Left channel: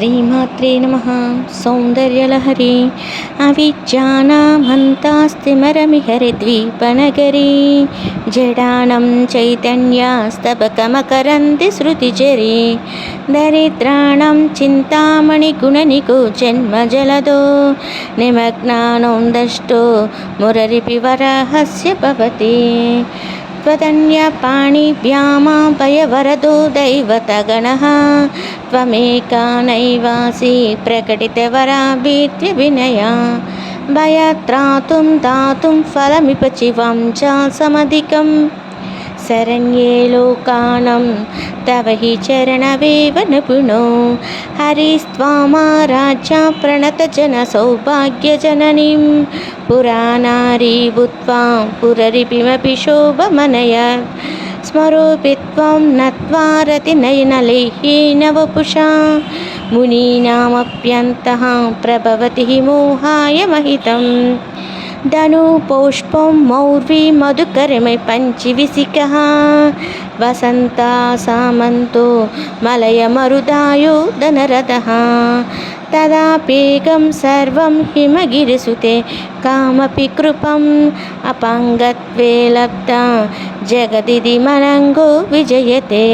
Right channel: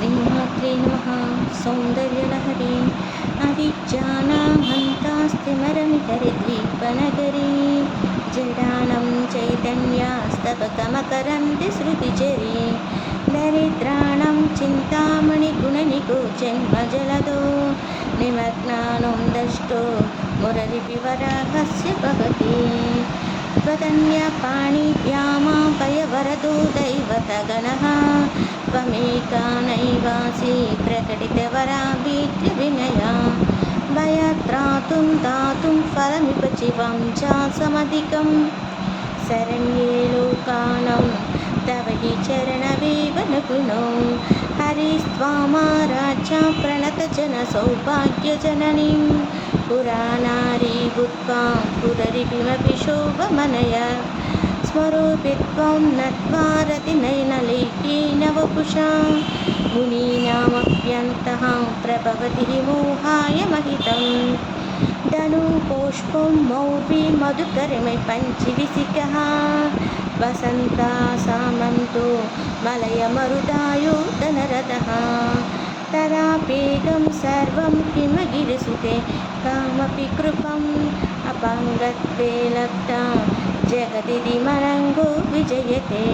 శ్రీమాత్రే నమః. సౌందర్యలహరి అవిద్యానామంతాస్తిమరమిహరిద్వీపనగరీ జడానం చైతన్యాస్తబకమకరంది శృతిచరీ దరిద్రాణం చింతామణిగుణనికో జన్మజలదో నిమగ్నానోందష్టో మురరిపివరాహస్య భవతి त्वदन्यपाणिभ्यामभयवरदो दैवतगणः त्वमेका नैवासि प्रकटितवराभीत्य विनया भयत्रातुं दातुं फलमिव चिवं च समधिकं शरण्ये लोकानं तव हि चरणवेव निपुणो हरिस्त्वामाराध्या प्रणतजनसौभाग्यजननीं पुराणारी भूत्वा पुररिपिमपि शोभमनया स्मरोऽपि त्वं नत्वा रतिनयनलेह्येन वपुषा मुनीनामप्यन्तः प्रभवति हि मोहाय महितं धनुपुष्पं मौर्वी मधुकरमे पञ्चविसिकः वसन्ता सामन्तो मलयमरुदायो धनरथः तदाप्येकं सर्वं हिमगिरिसुते कामपि कृपम् अपाङ्गत्वे लब्धा जगदिति मलङ्गो विजयते।